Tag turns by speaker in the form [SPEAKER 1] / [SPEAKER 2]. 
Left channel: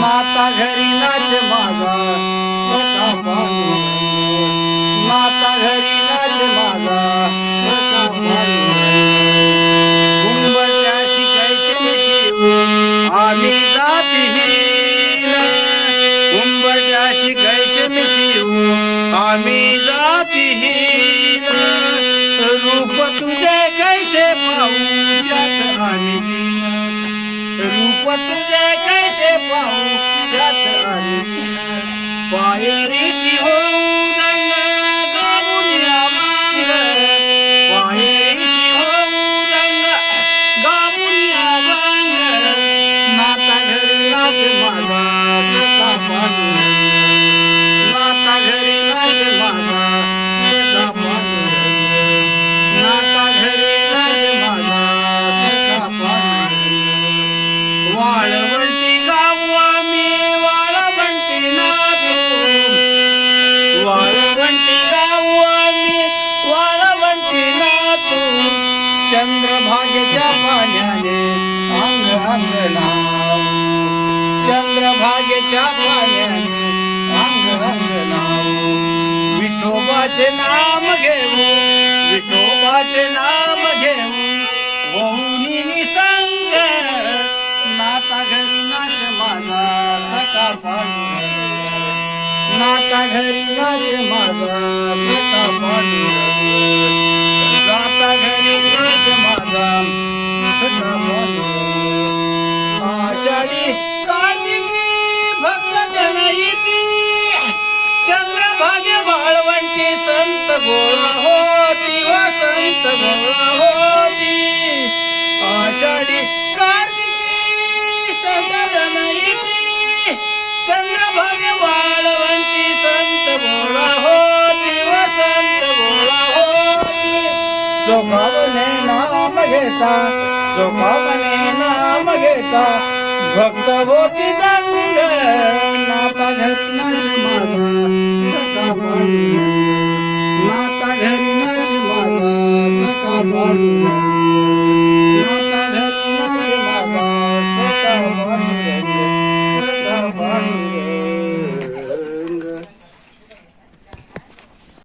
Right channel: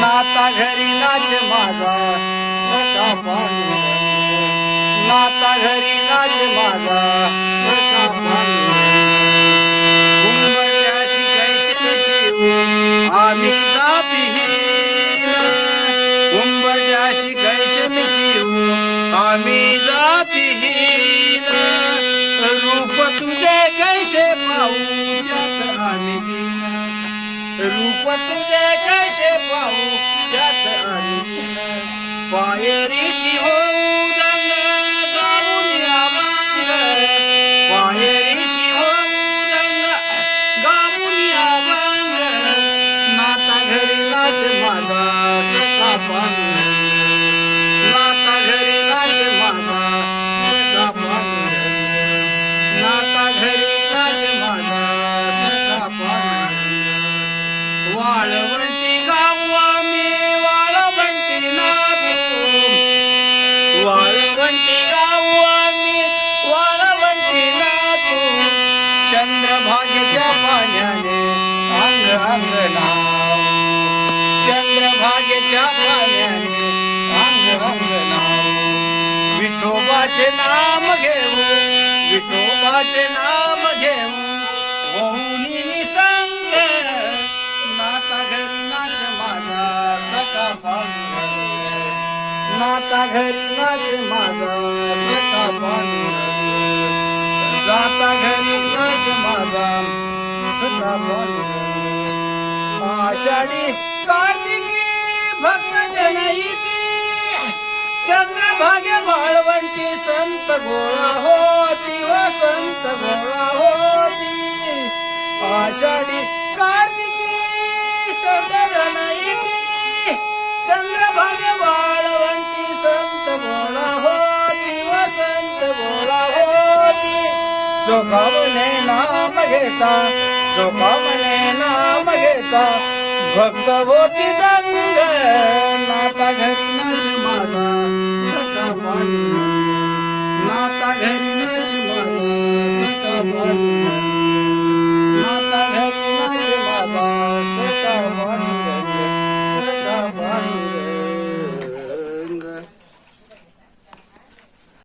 [SPEAKER 1] नाता घरी नाच माझा सखा पांडुरंग. नाता घरी नाच माझा सखा पांडुरंग. उंबरट्या शिकायचे मिशिव आम्ही जातीहीन. कुंभच्या शिकायचे मिशिव आम्ही जातीहीन. रूप तुझे कैसे पाहू आम्ही दीन तुझे कैसे पाहू त्यात आम्ही पायरीशी हो, चंद्रभागेच्या पाण्याने अंग अंग नाव चंद्रभागेच्या पाण्याने अंग अंग नाव विठोबाचे नाम घेऊ विठोबाचे नाम घेऊ. होऊनी निसंग नाता घरी नाच माझा सका पांडुरंग. नाता घरी नाच माझा सका पांडुरंग. नाता घरी आषाढी कार्तिकी भक्त जनयती चंद्रभागे बाळवंटी संत गोळा होती व संत गोळा होती. आषाढी कार्तिकी संत जनयती चंद्रभागे वाळवंटी संत गोळा होती व संत गोळा होती. स्वभाव नाम घेता चोखावने नाम घेता भक्त होती संग नाता घरी माझा सखा पांडुरंग नाता घरी माझा सखा पांडुरंग